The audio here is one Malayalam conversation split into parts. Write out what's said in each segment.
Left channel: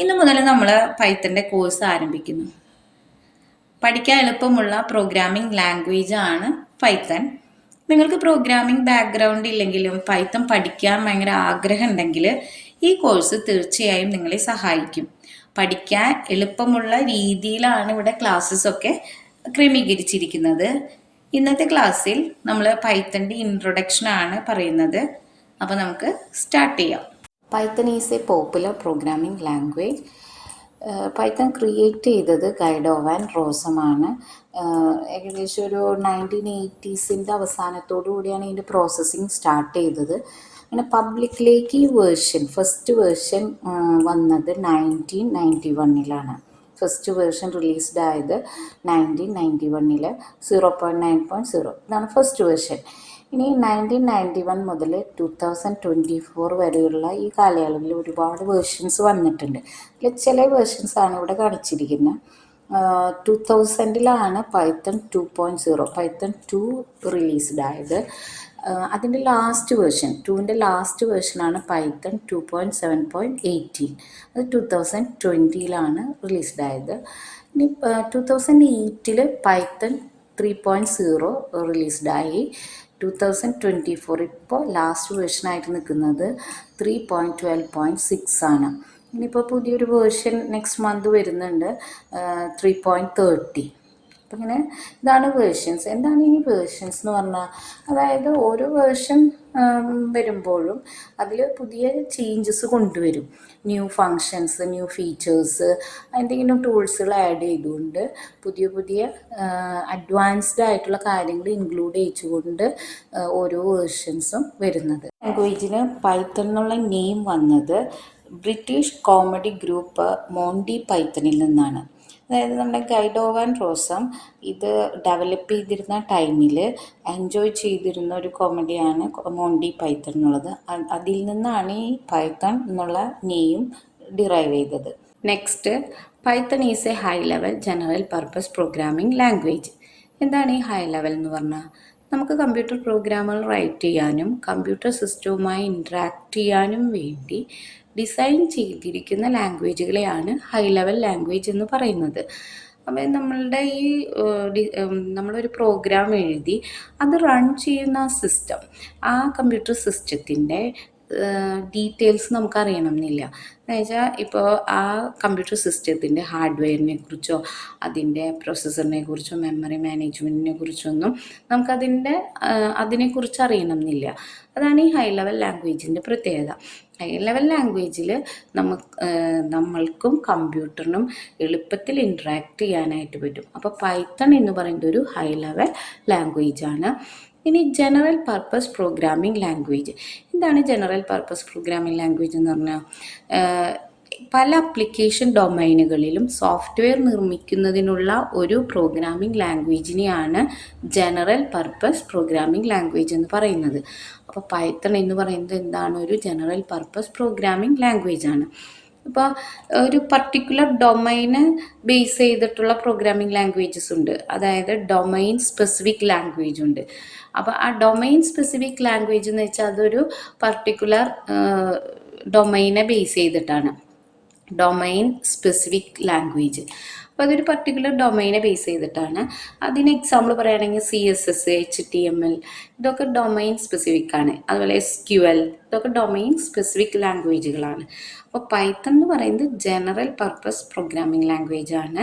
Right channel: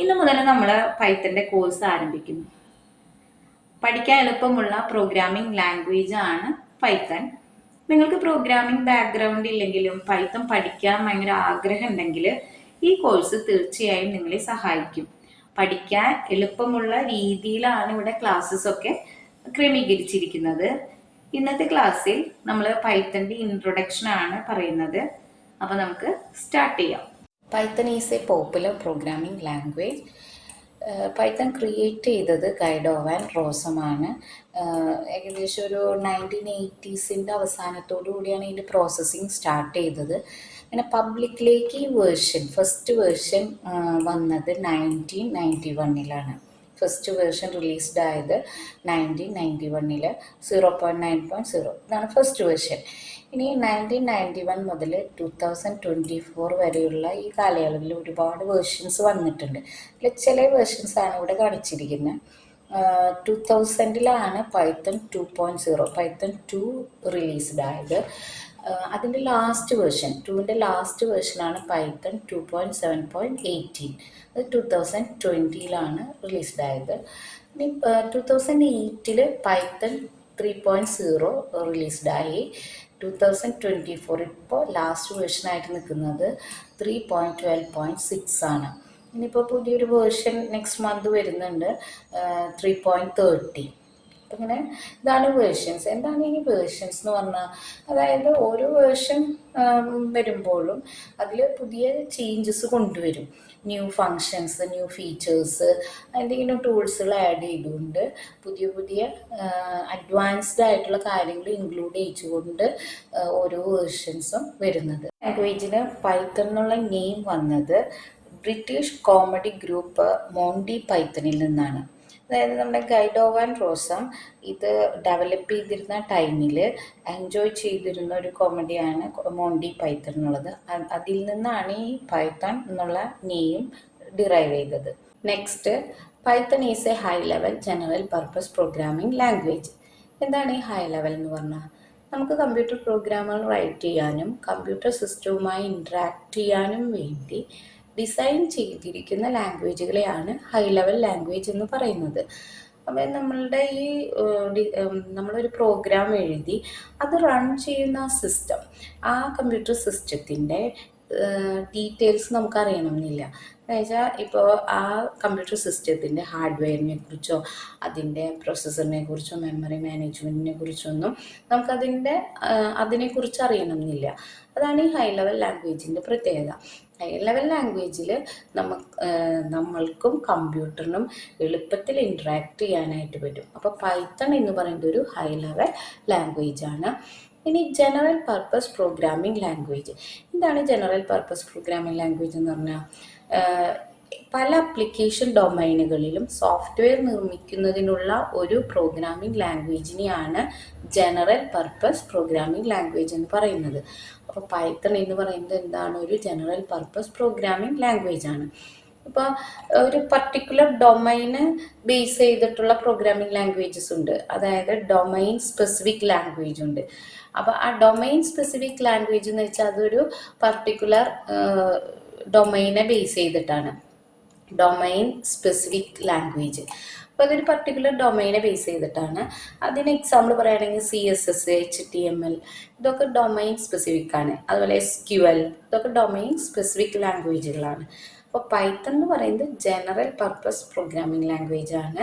ഇന്നു മുതൽ നമ്മൾ പൈത്തൻ്റെ കോഴ്സ് ആരംഭിക്കുന്നു. പഠിക്കാൻ എളുപ്പമുള്ള പ്രോഗ്രാമിംഗ് ലാംഗ്വേജ് ആണ് പൈത്തൺ. നിങ്ങൾക്ക് പ്രോഗ്രാമിംഗ് ബാക്ക്ഗ്രൗണ്ട് ഇല്ലെങ്കിലും പൈത്തൺ പഠിക്കാൻ ഭയങ്കര ആഗ്രഹം ഉണ്ടെങ്കിൽ ഈ കോഴ്സ് തീർച്ചയായും നിങ്ങളെ സഹായിക്കും. പഠിക്കാൻ എളുപ്പമുള്ള രീതിയിലാണ് ഇവിടെ ക്ലാസ്സസ് ഒക്കെ ക്രമീകരിച്ചിരിക്കുന്നത്. ഇന്നത്തെ ക്ലാസ്സിൽ നമ്മൾ പൈത്തൻ്റെ ഇൻട്രൊഡക്ഷൻ ആണ് പറയുന്നത്. അപ്പോൾ നമുക്ക് സ്റ്റാർട്ട് ചെയ്യാം. Python is A popular programming language. Python create ചെയ്തത് ഗൈഡോ വാൻ റോസമാണ്. ഏകദേശം ഒരു 1980s അവസാനത്തോടു കൂടിയാണ് ഇതിൻ്റെ പ്രോസസ്സിങ് സ്റ്റാർട്ട് ചെയ്തത്. അങ്ങനെ പബ്ലിക്കിലേക്ക് ഈ ഫസ്റ്റ് വേർഷൻ വന്നത് 1991 ഫസ്റ്റ് വേർഷൻ റിലീസ്ഡ് ആയത് 1991 0.9.0 ഇതാണ് ഫസ്റ്റ് വേർഷൻ. ഇനി 1991 മുതൽ 2024 വരെയുള്ള ഈ കാലയളവിൽ ഒരുപാട് വേർഷൻസ് വന്നിട്ടുണ്ട്. ഇതിൽ ചില വേർഷൻസാണ് ഇവിടെ കാണിച്ചിരിക്കുന്നത്. 2000 പൈത്തൺ 2.0 പൈത്തൺ 2 റിലീസ്ഡ് ആയത്. അതിൻ്റെ ലാസ്റ്റ് വേർഷൻ 2ൻ്റെ ലാസ്റ്റ് വേർഷനാണ് പൈത്തൺ 2.7.18. അത് 2020 റിലീസ്ഡ് ആയത്. ഇനി 2008 പൈത്തൺ 3.0 റിലീസ്ഡായി. 2024 ഇപ്പോൾ ലാസ്റ്റ് വേർഷനായിട്ട് നിൽക്കുന്നത് 3.12.6 ആണ്. ഇനിയിപ്പോൾ പുതിയൊരു വേർഷൻ നെക്സ്റ്റ് മന്ത് വരുന്നുണ്ട് 3.30. അപ്പം ഇങ്ങനെ ഇതാണ് വേർഷൻസ്. എന്താണ് ഈ വേർഷൻസ് എന്ന് പറഞ്ഞാൽ, അതായത് ഓരോ വേർഷൻ വരുമ്പോഴും അതിൽ പുതിയ ചേഞ്ചസ് കൊണ്ടുവരും. ന്യൂ ഫങ്ഷൻസ്, ന്യൂ ഫീച്ചേഴ്സ്, എന്തെങ്കിലും ടൂൾസുകൾ ആഡ് ചെയ്തുകൊണ്ട് പുതിയ അഡ്വാൻസ്ഡ് ആയിട്ടുള്ള കാര്യങ്ങൾ ഇൻക്ലൂഡ് ചെയ്തുകൊണ്ട് ഓരോ വേർഷൻസും വരുന്നത്. ലാംഗ്വേജിന് പൈത്തൺ എന്നുള്ള നെയിം വന്നത് ബ്രിട്ടീഷ് കോമഡി ഗ്രൂപ്പ് മോണ്ടി പൈത്തണിൽ നിന്നാണ്. അതായത് നമ്മുടെ ഗൈഡോ വാൻ റോസം ഇത് ഡെവലപ്പ് ചെയ്തിരുന്ന ടൈമിൽ എൻജോയ് ചെയ്തിരുന്ന ഒരു കോമഡിയാണ് മോണ്ടി പൈത്തൺ എന്നുള്ളത്. അതിൽ നിന്നാണ് ഈ പൈത്തൺ എന്നുള്ള നെയിം ഡിറൈവ് ചെയ്തത്. Next, Python is A high level general purpose programming language. എന്താണ് ഈ ഹൈ ലെവൽ എന്ന് പറഞ്ഞാൽ, നമുക്ക് കമ്പ്യൂട്ടർ പ്രോഗ്രാമുകൾ റൈറ്റ് ചെയ്യാനും കമ്പ്യൂട്ടർ സിസ്റ്റവുമായി ഇൻട്രാക്ട് ചെയ്യാനും വേണ്ടി ഡിസൈൻ ചെയ്തിരിക്കുന്ന ലാംഗ്വേജുകളെയാണ് ഹൈ ലെവൽ ലാംഗ്വേജ് എന്ന് പറയുന്നത്. അപ്പം നമ്മളൊരു പ്രോഗ്രാം എഴുതി അത് റൺ ചെയ്യുന്ന സിസ്റ്റം, ആ കമ്പ്യൂട്ടർ സിസ്റ്റത്തിൻ്റെ ഡീറ്റെയിൽസ് നമുക്ക് അറിയണമെന്നില്ല. എന്ന് വെച്ചാൽ ഇപ്പോൾ ആ കമ്പ്യൂട്ടർ സിസ്റ്റത്തിൻ്റെ ഹാർഡ്വെയറിനെ കുറിച്ചോ അതിൻ്റെ പ്രോസസ്സറിനെ കുറിച്ചോ മെമ്മറി മാനേജ്മെൻറ്റിനെ കുറിച്ചൊന്നും അതിനെക്കുറിച്ച് അറിയണമെന്നില്ല. അതാണ് ഈ ഹൈ ലെവൽ ലാംഗ്വേജിൻ്റെ പ്രത്യേകത. ഹൈ ലെവൽ ലാംഗ്വേജിൽ നമ്മൾക്കും കമ്പ്യൂട്ടറിനും എളുപ്പത്തിൽ ഇൻട്രാക്ട് ചെയ്യാനായിട്ട് പറ്റും. അപ്പോൾ പൈത്തൺ എന്ന് പറയുന്നത് ഒരു ഹൈ ലെവൽ ലാംഗ്വേജാണ്. ഇനി ജനറൽ പർപ്പസ് പ്രോഗ്രാമിംഗ് ലാംഗ്വേജ്. എന്താണ് ജനറൽ പർപ്പസ് പ്രോഗ്രാമിംഗ് ലാംഗ്വേജ് എന്ന് പറഞ്ഞാൽ, പല ആപ്ലിക്കേഷൻ ഡൊമൈനുകളിലും സോഫ്റ്റ്വെയർ നിർമ്മിക്കുന്നതിനുള്ള ഒരു പ്രോഗ്രാമിംഗ് ലാംഗ്വേജിനെയാണ് ജനറൽ പർപ്പസ് പ്രോഗ്രാമിംഗ് ലാംഗ്വേജ് എന്ന് പറയുന്നത്. അപ്പോൾ പൈത്തൺ എന്ന് പറയുന്നത് എന്താണ്, ഒരു ജനറൽ പർപ്പസ് പ്രോഗ്രാമിംഗ് ലാംഗ്വേജ് ആണ്. ഇപ്പോൾ ഒരു പർട്ടിക്കുലർ ഡൊമൈന് ബേസ് ചെയ്തിട്ടുള്ള പ്രോഗ്രാമിംഗ് ലാംഗ്വേജസ് ഉണ്ട്, അതായത് ഡൊമൈൻ സ്പെസിഫിക് ലാംഗ്വേജ് ഉണ്ട്. അപ്പോൾ ആ ഡൊമൈൻ സ്പെസിഫിക് ലാംഗ്വേജ് എന്ന് വെച്ചാൽ അതൊരു പർട്ടിക്കുലർ ഡൊമൈനെ ബേസ് ചെയ്തിട്ടാണ് ഡൊമൈൻ സ്പെസിഫിക് ലാംഗ്വേജ്. അപ്പോൾ അതൊരു പർട്ടിക്കുലർ ഡൊമൈനെ ബേസ് ചെയ്തിട്ടാണ്. അതിന് എക്സാമ്പിൾ പറയുകയാണെങ്കിൽ CSS, HTML ഇതൊക്കെ ഡൊമൈൻ സ്പെസിഫിക് ആണ്. അതുപോലെ SQL ഇതൊക്കെ ഡൊമൈൻ സ്പെസിഫിക് ലാംഗ്വേജുകളാണ്. അപ്പോൾ പൈത്തൺ എന്ന് പറയുന്നത് ജനറൽ പർപ്പസ് പ്രോഗ്രാമിംഗ് ലാംഗ്വേജ് ആണ്.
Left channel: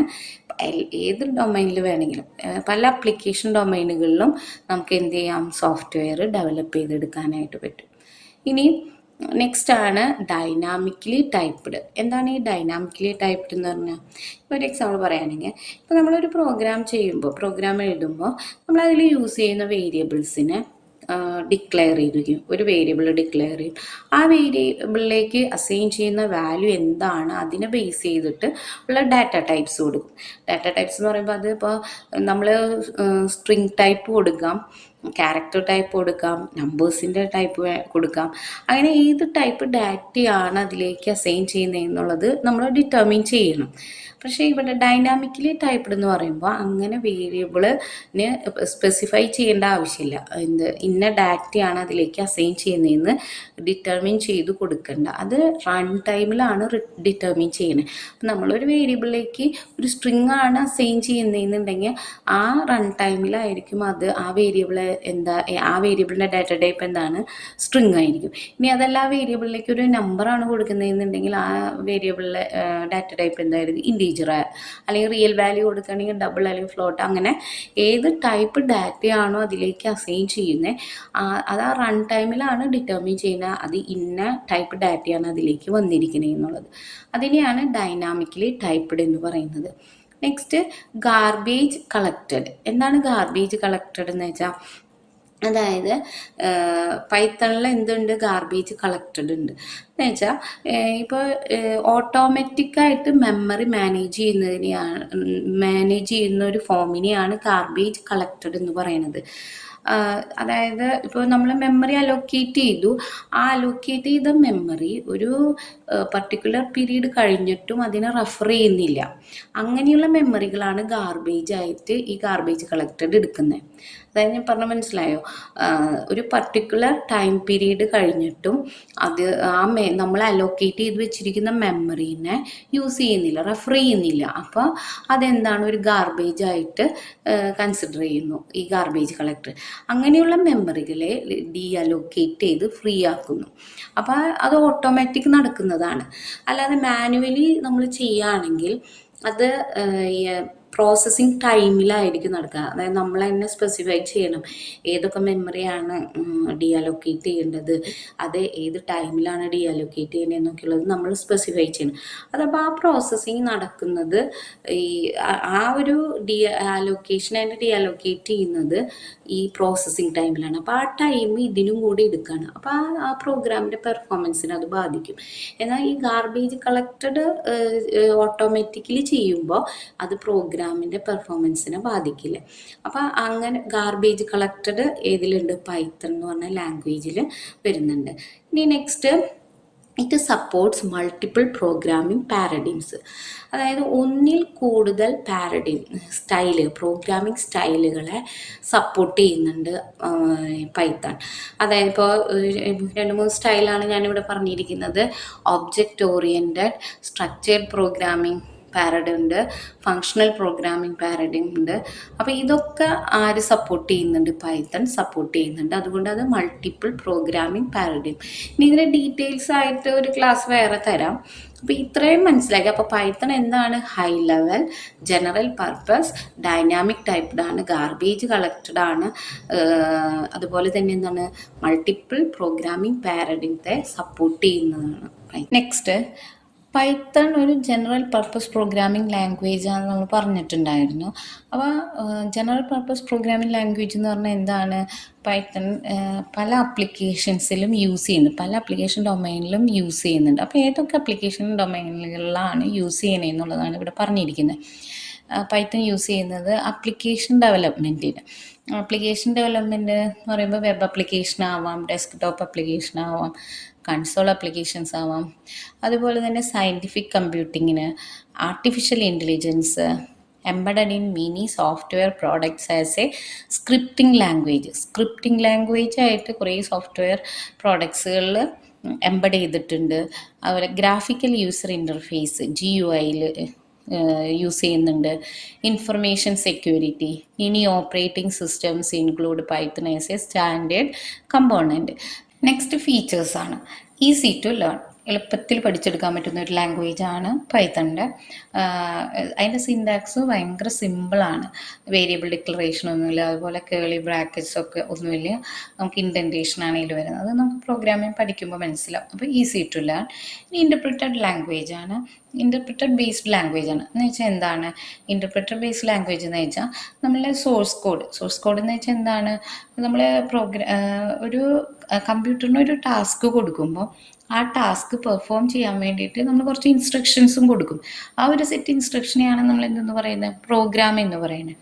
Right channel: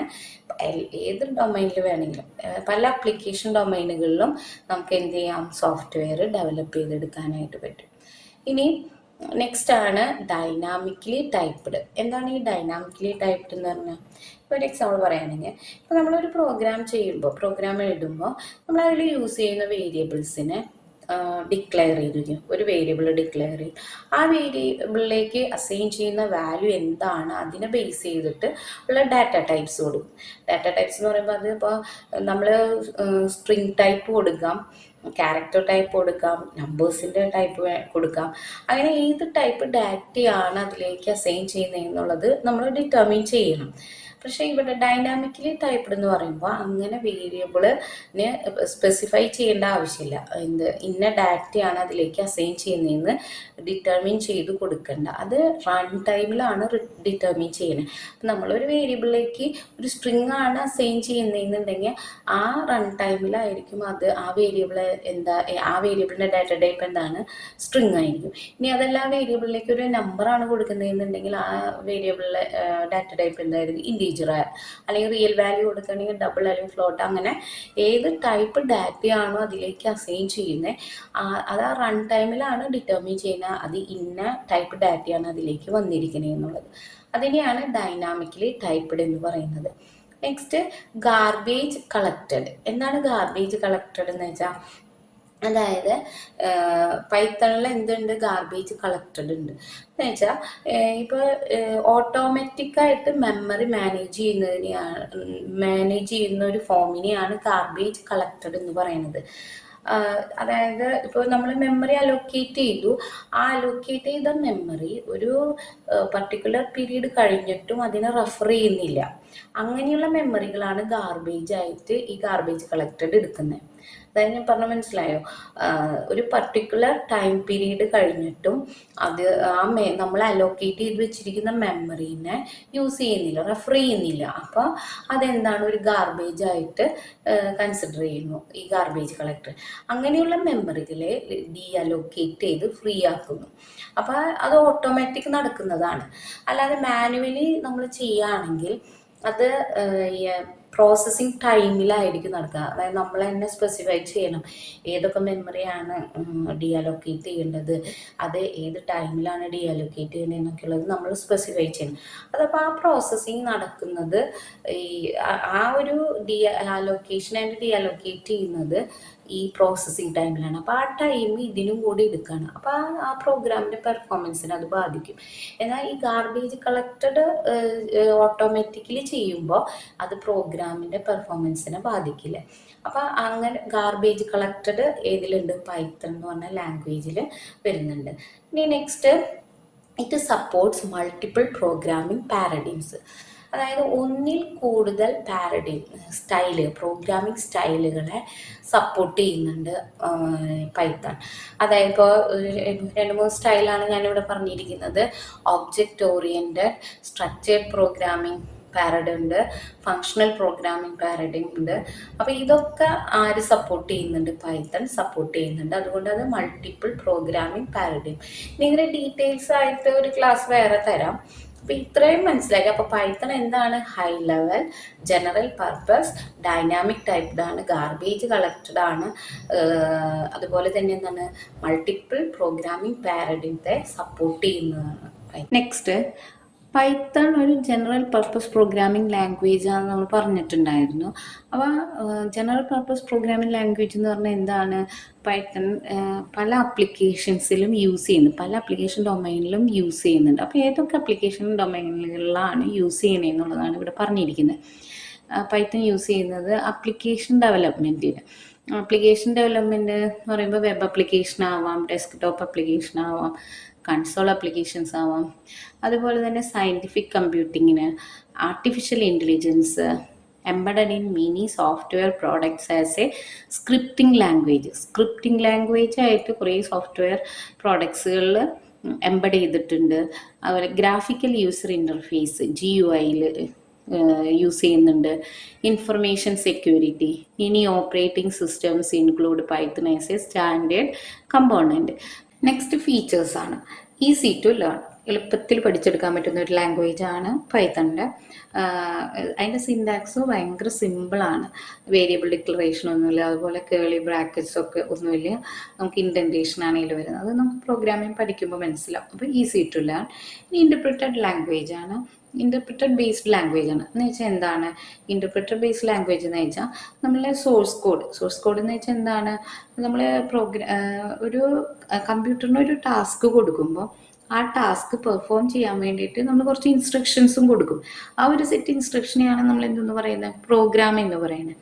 ഏത് ഡൊമൈനിൽ വേണമെങ്കിലും, പല ആപ്ലിക്കേഷൻ ഡൊമൈനുകളിലും നമുക്ക് എന്ത് ചെയ്യാം, സോഫ്റ്റ്വെയർ ഡെവലപ്പ് ചെയ്തെടുക്കാനായിട്ട് പറ്റും. ഇനി നെക്സ്റ്റ് ആണ് ഡൈനാമിക്കലി ടൈപ്പ്ഡ്. എന്താണ് ഈ ഡൈനാമിക്കലി ടൈപ്പ്ഡ് എന്ന് പറഞ്ഞാൽ, ഇപ്പോൾ ഒരു എക്സാമ്പിൾ പറയുകയാണെങ്കിൽ, ഇപ്പോൾ നമ്മളൊരു പ്രോഗ്രാം എഴുതുമ്പോൾ നമ്മൾ അതിൽ യൂസ് ചെയ്യുന്ന വേരിയബിൾസിനെ ഡിക്ലെയർ ചെയ്തിരിക്കും. ഒരു വേരിയബിൾ ഡിക്ലെയർ ചെയ്യും. ആ വേരിയബിളിലേക്ക് അസൈൻ ചെയ്യുന്ന വാല്യൂ എന്താണ് അതിനെ ബേസ് ചെയ്തിട്ട് ഉള്ള ഡാറ്റ ടൈപ്സ് കൊടുക്കും. ഡാറ്റ ടൈപ്സ് എന്ന് പറയുമ്പോൾ അത് ഇപ്പോൾ നമ്മൾ സ്ട്രിങ് ടൈപ്പ് കൊടുക്കാം, ക്യാരക്ടർ ടൈപ്പ് കൊടുക്കാം, നമ്പേഴ്സിൻ്റെ ടൈപ്പ് കൊടുക്കാം. അങ്ങനെ ഏത് ടൈപ്പ് ഡാറ്റയാണ് അതിലേക്ക് അസൈൻ ചെയ്യുന്നത് എന്നുള്ളത് നമ്മൾ ഡിറ്റർമിൻ ചെയ്യണം. പക്ഷേ ഇവിടെ ഡൈനാമിക്കലി ടൈപ്പ്ഡ് എന്ന് പറയുമ്പോൾ അങ്ങനെ വേരിയബിളിന് സ്പെസിഫൈ ചെയ്യേണ്ട ആവശ്യമില്ല. ഇന്ന ഡാറ്റയാണ് അതിലേക്ക് അസൈൻ ചെയ്യുന്നതെന്ന് ഡിറ്റർമിൻ ചെയ്ത് കൊടുക്കണ്ട. അത് റൺ ടൈമിലാണ് ഡിറ്റർമിൻ ചെയ്യുന്നത്. അപ്പം നമ്മളൊരു വേരിയബിളിലേക്ക് ഒരു സ്ട്രിങ് ആണ് അസൈൻ ചെയ്യുന്നതെന്നുണ്ടെങ്കിൽ ആ റൺ ടൈമിലായിരിക്കും അത് ആ വേരിയബിളിൻ്റെ ഡാറ്റ ടൈപ്പ് എന്താണ്, സ്ട്രിങ് ആയിരിക്കും. ഇനി അതല്ല ആ വേരിയബിളിലേക്ക് ഒരു നമ്പറാണ് കൊടുക്കുന്നതെന്നുണ്ടെങ്കിൽ ആ വേരിയബിളിലെ ഡാറ്റ ടൈപ്പ് എന്തായിരിക്കും, ഇൻറ്റീജർ അല്ലെങ്കിൽ റിയൽ വാല്യൂ കൊടുക്കുകയാണെങ്കിൽ ഡബിൾ അല്ലെങ്കിൽ ഫ്ലോട്ട്, അങ്ങനെ ഏത് ടൈപ്പ് ഡാറ്റയാണോ അതിലേക്ക് അസൈൻ ചെയ്യുന്നത് അത് ആ റൺ ടൈമിലാണ് ഡിറ്റർമിൻ ചെയ്യുന്നത് അത് ഇന്ന ടൈപ്പ് ഡാറ്റയാണ് അതിലേക്ക് വന്നിരിക്കുന്നത് എന്നുള്ളത്. അതിനെയാണ് ഡൈനാമിക്കലി ടൈപ്പ്ഡ് എന്ന് പറയുന്നത്. Next, garbage collected. എന്താണ് ഗാർബേജ് കളക്റ്റഡ് എന്ന് വെച്ചാൽ, അതായത് പൈത്തണിൽ എന്തുണ്ട്, ഗാർബേജ് കളക്റ്റഡ് ഉണ്ട് എന്ന് വെച്ചാൽ ഇപ്പോൾ ഓട്ടോമാറ്റിക്കായിട്ട് മെമ്മറി മാനേജ് ചെയ്യുന്ന ഒരു ഫോമിനെയാണ് ഗാർബേജ് കളക്റ്റഡ് എന്ന് പറയുന്നത്. അതായത് ഇപ്പോൾ നമ്മൾ മെമ്മറി അലോക്കേറ്റ് ചെയ്തു, ആ അലോക്കേറ്റ് ചെയ്ത മെമ്മറി ഒരു പർട്ടിക്കുലർ പീരീഡ് കഴിഞ്ഞിട്ടും അതിനെ റെഫർ ചെയ്യുന്നില്ല. അങ്ങനെയുള്ള മെമ്മറികളാണ് ഗാർബേജ് ആയിട്ട് ഈ ഗാർബേജ് കളക്റ്റഡ് എടുക്കുന്നത്. അതായത് ഞാൻ പറഞ്ഞ മനസ്സിലായോ, ഒരു പർട്ടിക്കുലർ ടൈം പീരീഡ് കഴിഞ്ഞിട്ടും അത് നമ്മൾ അലോക്കേറ്റ് ചെയ്ത് വെച്ചിരിക്കുന്ന മെമ്മറീനെ യൂസ് ചെയ്യുന്നില്ല, റെഫർ ചെയ്യുന്നില്ല. അപ്പോൾ അതെന്താണ്, ഒരു ഗാർബേജ് ആയിട്ട് കൺസിഡർ ചെയ്യുന്നു ഈ ഗാർബേജ് കളക്ടർ. അങ്ങനെയുള്ള മെമ്മറികളെ അലോക്കേറ്റ് ചെയ്ത് ഫ്രീ ആക്കുന്നു. അപ്പോൾ അത് ഓട്ടോമാറ്റിക് നടക്കുന്നതാണ്. അല്ലാതെ മാനുവലി നമ്മൾ ചെയ്യുകയാണെങ്കിൽ അത് പ്രോസസ്സിങ് ടൈമിലായിരിക്കും നടക്കുക. അതായത് നമ്മൾ തന്നെ സ്പെസിഫൈ ചെയ്യണം ഏതൊക്കെ മെമ്മറിയാണ് അലോക്കേറ്റ് ചെയ്യേണ്ടത്, അത് ഏത് ടൈമിലാണ് അലോക്കേറ്റ് ചെയ്യേണ്ടത് എന്നൊക്കെയുള്ളത് നമ്മൾ സ്പെസിഫൈ ചെയ്യണം. അതപ്പോൾ ആ പ്രോസസ്സിങ് നടക്കുന്നത് ആ ഒരു അലോക്കേഷൻ ആൻഡ് അലോക്കേറ്റ് ചെയ്യുന്നത് ഈ പ്രോസസ്സിങ് ടൈമിലാണ്. അപ്പോൾ ആ ടൈം ഇതിനും കൂടി എടുക്കുകയാണ്. അപ്പോൾ ആ പ്രോഗ്രാമിൻ്റെ പെർഫോമൻസിനെ അത് ബാധിക്കും. എന്നാൽ ഈ ഗാർബേജ് കളക്റ്റഡ് ഓട്ടോമാറ്റിക്കലി ചെയ്യുമ്പോൾ അത് പ്രോഗ്രാമിൻ്റെ പെർഫോമൻസിനെ ബാധിക്കില്ല. അപ്പോൾ അങ്ങനെ ഗാർബേജ് കളക്റ്റഡ് ഏതിലുണ്ട്, പൈത്തൺ എന്ന് പറഞ്ഞ ലാംഗ്വേജിൽ വരുന്നുണ്ട്. ഇനി next, it supports multiple programming പാരഡിംസ്. അതായത് ഒന്നിൽ കൂടുതൽ പ്രോഗ്രാമിംഗ് സ്റ്റൈലുകളെ സപ്പോർട്ട് ചെയ്യുന്നുണ്ട് പൈത്തൺ. അതായത് ഇപ്പോൾ 2-3 സ്റ്റൈലാണ് ഞാനിവിടെ പറഞ്ഞിരിക്കുന്നത്. Object oriented, structured programming paradigm ഉണ്ട്, ഫങ്ഷണൽ പ്രോഗ്രാമിംഗ് പാരഡിം ഉണ്ട്. അപ്പോൾ ഇതൊക്കെ ആര് സപ്പോർട്ട് ചെയ്യുന്നുണ്ട്, പൈത്തൺ സപ്പോർട്ട് ചെയ്യുന്നുണ്ട്. അതുകൊണ്ട് അത് മൾട്ടിപ്പിൾ പ്രോഗ്രാമിംഗ് പാരഡിം. ഇനി ഇതിൻ്റെ ഡീറ്റെയിൽസ് ആയിട്ട് ഒരു ക്ലാസ് വേറെ തരാം. അപ്പോൾ ഇത്രയും മനസ്സിലാക്കി. അപ്പോൾ പൈത്തൺ എന്താണ്, high level, general purpose, dynamic typed ആണ്, ഗാർബേജ് കളക്റ്റഡ് ആണ്, അതുപോലെ തന്നെ എന്താണ്, മൾട്ടിപ്പിൾ പ്രോഗ്രാമിംഗ് പാരഡിംത്തെ സപ്പോർട്ട് ചെയ്യുന്നതാണ്. നെക്സ്റ്റ്, പൈത്തൺ ഒരു ജനറൽ പർപ്പസ് പ്രോഗ്രാമിംഗ് ലാംഗ്വേജ് ആണെന്ന് നമ്മൾ പറഞ്ഞിട്ടുണ്ടായിരുന്നു. അപ്പോൾ ജനറൽ പർപ്പസ് പ്രോഗ്രാമിംഗ് ലാംഗ്വേജ് എന്ന് പറഞ്ഞാൽ എന്താണ്, പൈത്തൺ പല ആപ്ലിക്കേഷൻസിലും യൂസ് ചെയ്യുന്നു, പല ആപ്ലിക്കേഷൻ ഡൊമൈനിലും യൂസ് ചെയ്യുന്നുണ്ട്. അപ്പോൾ ഏതൊക്കെ ആപ്ലിക്കേഷൻ ഡൊമൈനുകളിലാണ് യൂസ് ചെയ്യണത് എന്നുള്ളതാണ് ഇവിടെ പറഞ്ഞിരിക്കുന്നത്. പൈത്തൺ യൂസ് ചെയ്യുന്നത് ആപ്ലിക്കേഷൻ ഡെവലപ്മെൻറ്റിന്. ആപ്ലിക്കേഷൻ ഡെവലപ്മെൻറ്റ് എന്ന് പറയുമ്പോൾ വെബ് ആപ്ലിക്കേഷൻ ആവാം, ഡെസ്ക്ടോപ്പ് ആപ്ലിക്കേഷൻ ആവാം, കൺസോൾ ആപ്ലിക്കേഷൻസ് ആവാം. അതുപോലെ തന്നെ സയൻറ്റിഫിക് കമ്പ്യൂട്ടിങ്ങിന്, artificial intelligence, embedded in mini software products as a scripting language ആയിട്ട് കുറേ സോഫ്റ്റ്വെയർ പ്രോഡക്ട്സുകളിൽ എംബഡ് ചെയ്തിട്ടുണ്ട്. അതുപോലെ ഗ്രാഫിക്കൽ യൂസർ ഇൻ്റർഫേസ് GUIയിൽ യൂസ് ചെയ്യുന്നുണ്ട്. ഇൻഫർമേഷൻ സെക്യൂരിറ്റി, ഇനി operating systems include Python as a standard component. Next, ഫീച്ചേഴ്സാണ്. ഈസി ടു ലേൺ, എളുപ്പത്തിൽ പഠിച്ചെടുക്കാൻ പറ്റുന്ന ഒരു ലാംഗ്വേജാണ് പൈത്തണിൻ്റെ. അതിൻ്റെ സിൻടാക്സ് ഭയങ്കര സിമ്പിളാണ്. വേരിയബിൾ ഡിക്ലറേഷൻ ഒന്നുമില്ല, അതുപോലെ കേളി ബ്രാക്കറ്റ്സ് ഒക്കെ ഒന്നുമില്ല. നമുക്ക് ഇൻഡൻറ്റേഷൻ ആണെങ്കിൽ വരുന്നത് അത് നമുക്ക് പ്രോഗ്രാമിംഗ് പഠിക്കുമ്പോൾ മനസ്സിലാവും. അപ്പോൾ ഈസി ടു ലേൺ. ഇൻ്റർപ്രിറ്റഡ് ലാംഗ്വേജാണ്, ഇൻ്റർപ്രിറ്റഡ് ബേസ്ഡ് ലാംഗ്വേജ് ആണ്. എന്ന് വെച്ചാൽ എന്താണ് ഇൻ്റർപ്രിറ്റഡ് ബേസ്ഡ് ലാംഗ്വേജ് എന്ന് വെച്ചാൽ, നമ്മളെ സോഴ്സ് കോഡ് എന്ന് വെച്ചാൽ എന്താണ്, നമ്മൾ ഒരു കമ്പ്യൂട്ടറിന് ഒരു ടാസ്ക് കൊടുക്കുമ്പോൾ ആ ടാസ്ക് പെർഫോം ചെയ്യാൻ വേണ്ടിയിട്ട് നമ്മൾ കുറച്ച് ഇൻസ്ട്രക്ഷൻസും കൊടുക്കും. ആ ഒരു സെറ്റ് ഇൻസ്ട്രക്ഷനെയാണ് നമ്മൾ എന്തെന്ന് പറയുന്നത്, പ്രോഗ്രാം എന്ന് പറയുന്നത്.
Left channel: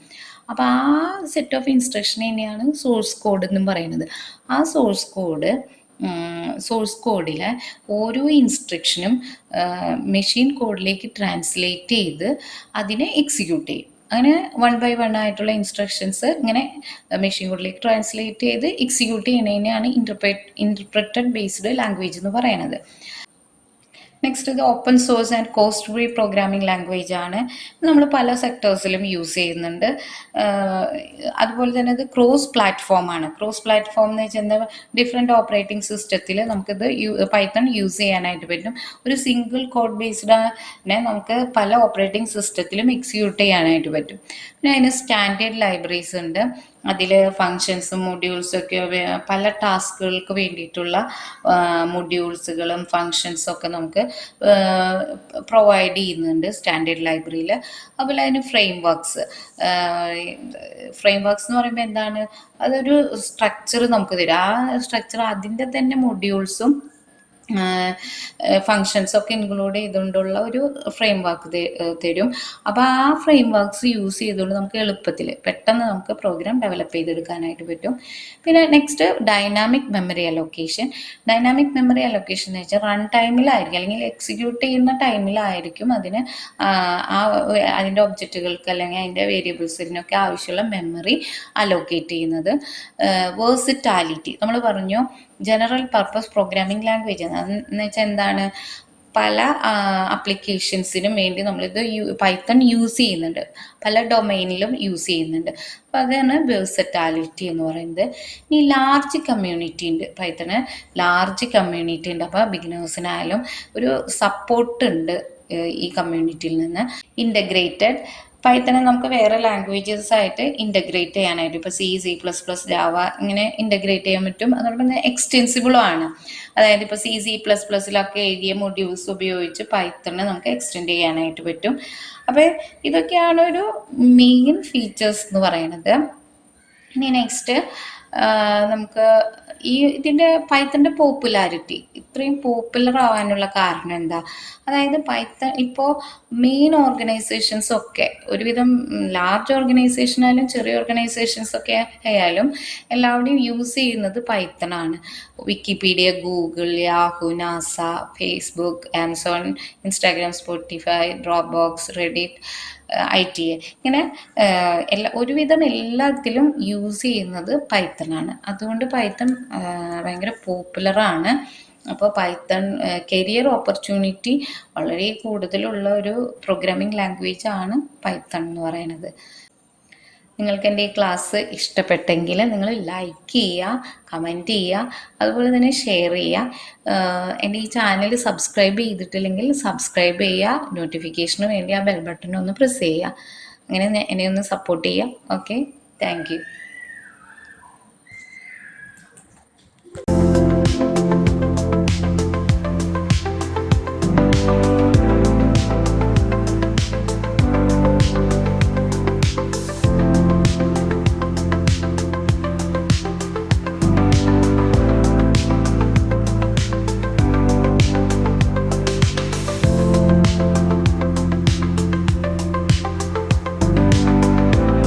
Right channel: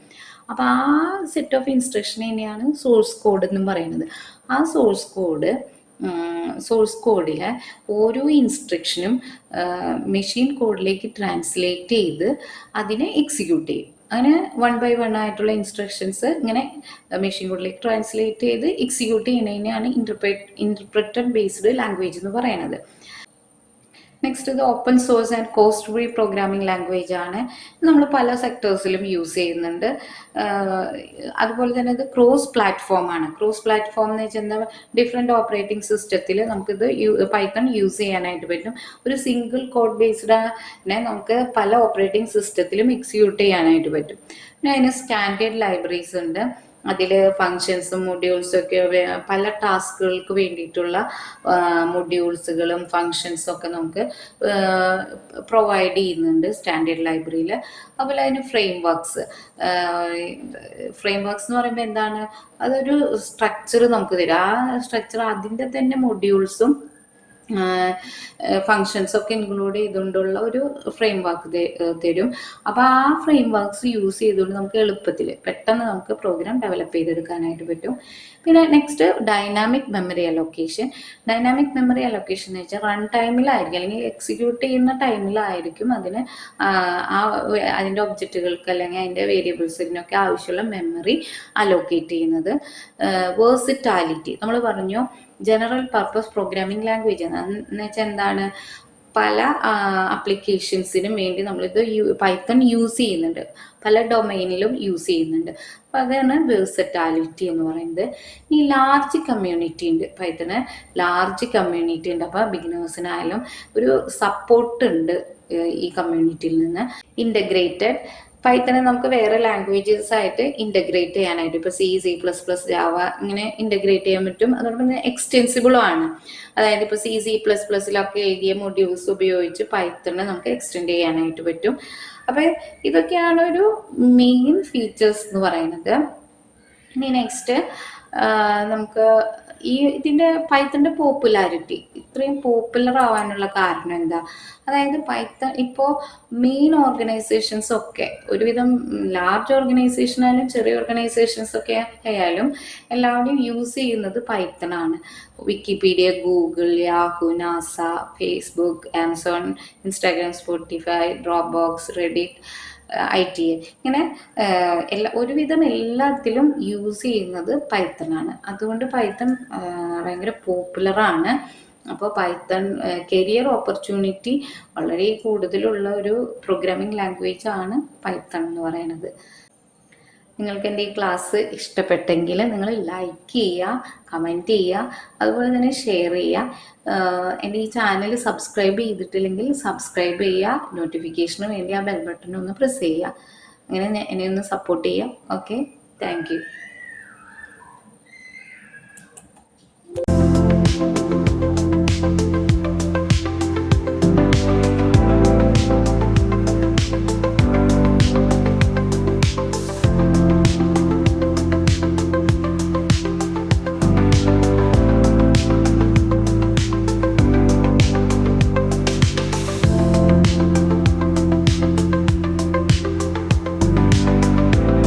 അപ്പോൾ ആ സെറ്റ് ഓഫ് ഇൻസ്ട്രക്ഷൻ തന്നെയാണ് സോഴ്സ് കോഡ് എന്നും പറയുന്നത്. ആ സോഴ്സ് കോഡ് സോഴ്സ് കോഡിലെ ഓരോ ഇൻസ്ട്രക്ഷനും മെഷീൻ കോഡിലേക്ക് ട്രാൻസ്ലേറ്റ് ചെയ്ത് അതിനെ എക്സിക്യൂട്ട് ചെയ്യും. അങ്ങനെ 1 by 1 ആയിട്ടുള്ള ഇൻസ്ട്രക്ഷൻസ് ഇങ്ങനെ മെഷീൻ കോഡിലേക്ക് ട്രാൻസ്ലേറ്റ് ചെയ്ത് എക്സിക്യൂട്ട് ചെയ്യുന്നതിനെയാണ് ഇൻ്റർപ്രറ്റഡ് ബേസ്ഡ് ലാംഗ്വേജ് എന്ന് പറയുന്നത്. നെക്സ്റ്റ് ഇത് open source and cost free programming language ആണ്. നമ്മൾ പല സെക്ടേഴ്സിലും യൂസ് ചെയ്യുന്നുണ്ട്. അതുപോലെ തന്നെ ഇത് ക്രോസ് പ്ലാറ്റ്ഫോം ആണ്. ക്രോസ് പ്ലാറ്റ്ഫോം എന്ന് വെച്ചാൽ എന്താ, ഡിഫറെൻറ്റ് ഓപ്പറേറ്റിംഗ് സിസ്റ്റത്തിൽ നമുക്കിത് പൈത്തൺ യൂസ് ചെയ്യാനായിട്ട് പറ്റും. ഒരു സിംഗിൾ കോഡ് ബേസ്ഡിനെ നമുക്ക് പല ഓപ്പറേറ്റിംഗ് സിസ്റ്റത്തിലും എക്സിക്യൂട്ട് ചെയ്യാനായിട്ട് പറ്റും. പിന്നെ അതിന് സ്റ്റാൻഡേർഡ് ലൈബ്രറീസ് ഉണ്ട്. അതിൽ ഫങ്ഷൻസും മൊഡ്യൂൾസും ഒക്കെ പല ടാസ്കുകൾക്ക് വേണ്ടിയിട്ടുള്ള മൊഡ്യൂൾസുകളും ഫങ്ഷൻസും ഒക്കെ നമുക്ക് പ്രൊവൈഡ് ചെയ്യുന്നുണ്ട് സ്റ്റാൻഡേർഡ് ലൈബ്രറിയിൽ. അതുപോലെ അതിന് ഫ്രെയിം വർക്ക്സ് എന്ന് പറയുമ്പോൾ എന്താണ്, അതൊരു സ്ട്രക്ചർ നമുക്ക് തരും. ആ സ്ട്രക്ചർ അതിൻ്റെ തന്നെ മൊഡ്യൂൾസും ഫങ്ഷൻസൊക്കെ ഇൻക്ലൂഡ് ചെയ്തുകൊണ്ടുള്ള ഒരു ഫ്രെയിം വർക്ക് തരും. അപ്പോൾ ആ ഫ്രെയിം വർക്ക്സ് യൂസ് ചെയ്തുകൊണ്ട് നമുക്ക് എളുപ്പത്തിൽ പെട്ടെന്ന് നമുക്ക് പ്രോഗ്രാം ഡെവലപ്പ് ചെയ്തെടുക്കാനായിട്ട് പറ്റും. പിന്നെ next dynamic memory allocation. Dynamic memory allocation എന്ന് വെച്ചാൽ റൺ ടൈമിലായിരിക്കും അല്ലെങ്കിൽ എക്സിക്യൂട്ട് ചെയ്യുന്ന ടൈമിലായിരിക്കും അതിൻ്റെ ഒബ്ജക്റ്റുകൾക്ക് അല്ലെങ്കിൽ അതിൻ്റെ വേരിയബിൾസിനൊക്കെ ആവശ്യമുള്ള മെമ്മറി അലോക്കേറ്റ് ചെയ്യുന്നത്. വേഴ്സിറ്റാലിറ്റി നമ്മൾ പറഞ്ഞു, ജനറൽ പർപ്പസ് പ്രോഗ്രാമിംഗ് ലാംഗ്വേജ് എന്ന് വെച്ചാൽ എന്താണ്, പല ആപ്ലിക്കേഷൻസിനും വേണ്ടി നമ്മളിത് പൈത്തൺ യൂസ് ചെയ്യുന്നുണ്ട്, പല ഡൊമൈനിലും യൂസ് ചെയ്യുന്നുണ്ട്. അപ്പം അതാണ് വേഴ്സറ്റാലിറ്റി എന്ന് പറയുന്നത്. ഇനി ലാർജ് കമ്മ്യൂണിറ്റി ഉണ്ട്, പൈത്തണ് ലാർജ് കമ്മ്യൂണിറ്റി ഉണ്ട്. അപ്പോൾ ബിഗിനേഴ്സിനായാലും ഒരു സപ്പോർട്ട് ഉണ്ട് ഈ കമ്മ്യൂണിറ്റിയിൽ നിന്ന്. ഇൻ്റഗ്രേറ്റഡ് പൈത്തനെ നമുക്ക് വേറെ ലാംഗ്വേജസ് ആയിട്ട് ഇൻ്റഗ്രേറ്റ് ചെയ്യാനായിട്ട് ഇപ്പോൾ C++, ജാവ ഇങ്ങനെ ഇൻ്റഗ്രേറ്റ് ചെയ്യാൻ പറ്റും. അതോടൊപ്പം തന്നെ എക്സ്റ്റെൻസിബിളും ആണ്. അതായത് ഇപ്പോൾ C++ലൊക്കെ എഴുതിയ മൊഡ്യൂൾസ് ഉപയോഗിച്ച് പൈത്തണിനെ നമുക്ക് എക്സ്റ്റെൻഡ് ചെയ്യാനായിട്ട് പറ്റും. അപ്പോൾ ഇതൊക്കെയാണ് ഒരു മെയിൻ ഫീച്ചേഴ്സ് എന്ന് പറയുന്നത്. ഇനി നെക്സ്റ്റ് നമുക്ക് ഇതിൻ്റെ പൈത്തണിൻ്റെ പോപ്പുലാരിറ്റി ഇത്രയും പോപ്പുലർ ആവാനുള്ള കാരണം എന്താ, അതായത് പൈത്തൺ ഇപ്പോൾ മെയിൻ ഓർഗനൈസേഷൻസ് ഒക്കെ ഒരുവിധം ലാർജ് ഓർഗനൈസേഷൻ ആയാലും ചെറിയ ഓർഗനൈസേഷൻസ് ഒക്കെ ആയാലും എല്ലാവരുടെയും യൂസ് ചെയ്യുന്നത് പൈത്തണാണ്. Wikipedia, Google, Yahoo, NASA, Facebook, Amazon, Instagram, Spotify, Dropbox, Reddit, ITA ഇങ്ങനെ ഒരുവിധം എല്ലാത്തിലും യൂസ് ചെയ്യുന്നത് പൈത്തണാണ്. അതുകൊണ്ട് പൈത്തൺ ഭയങ്കര പോപ്പുലറാണ്. അപ്പോൾ പൈത്തൺ കരിയർ ഓപ്പർച്യൂണിറ്റി വളരെ കൂടുതലുള്ള ഒരു പ്രോഗ്രാമിംഗ് ലാംഗ്വേജ് ആണ് പൈത്തൺ എന്ന് പറയുന്നത്. നിങ്ങൾക്ക് എൻ്റെ ഈ ക്ലാസ് ഇഷ്ടപ്പെട്ടെങ്കിൽ നിങ്ങൾ ലൈക്ക് ചെയ്യുക, കമൻറ്റ് ചെയ്യുക, അതുപോലെ തന്നെ ഷെയർ ചെയ്യുക. എൻ്റെ ഈ ചാനൽ സബ്സ്ക്രൈബ് ചെയ്തിട്ടില്ലെങ്കിൽ സബ്സ്ക്രൈബ് ചെയ്യുക, നോട്ടിഫിക്കേഷന് വേണ്ടി ആ ബെൽ ബട്ടൺ ഒന്ന് പ്രസ് ചെയ്യുക. അങ്ങനെ എന്നെ ഒന്ന് സപ്പോർട്ട് ചെയ്യുക. Okay, thank you.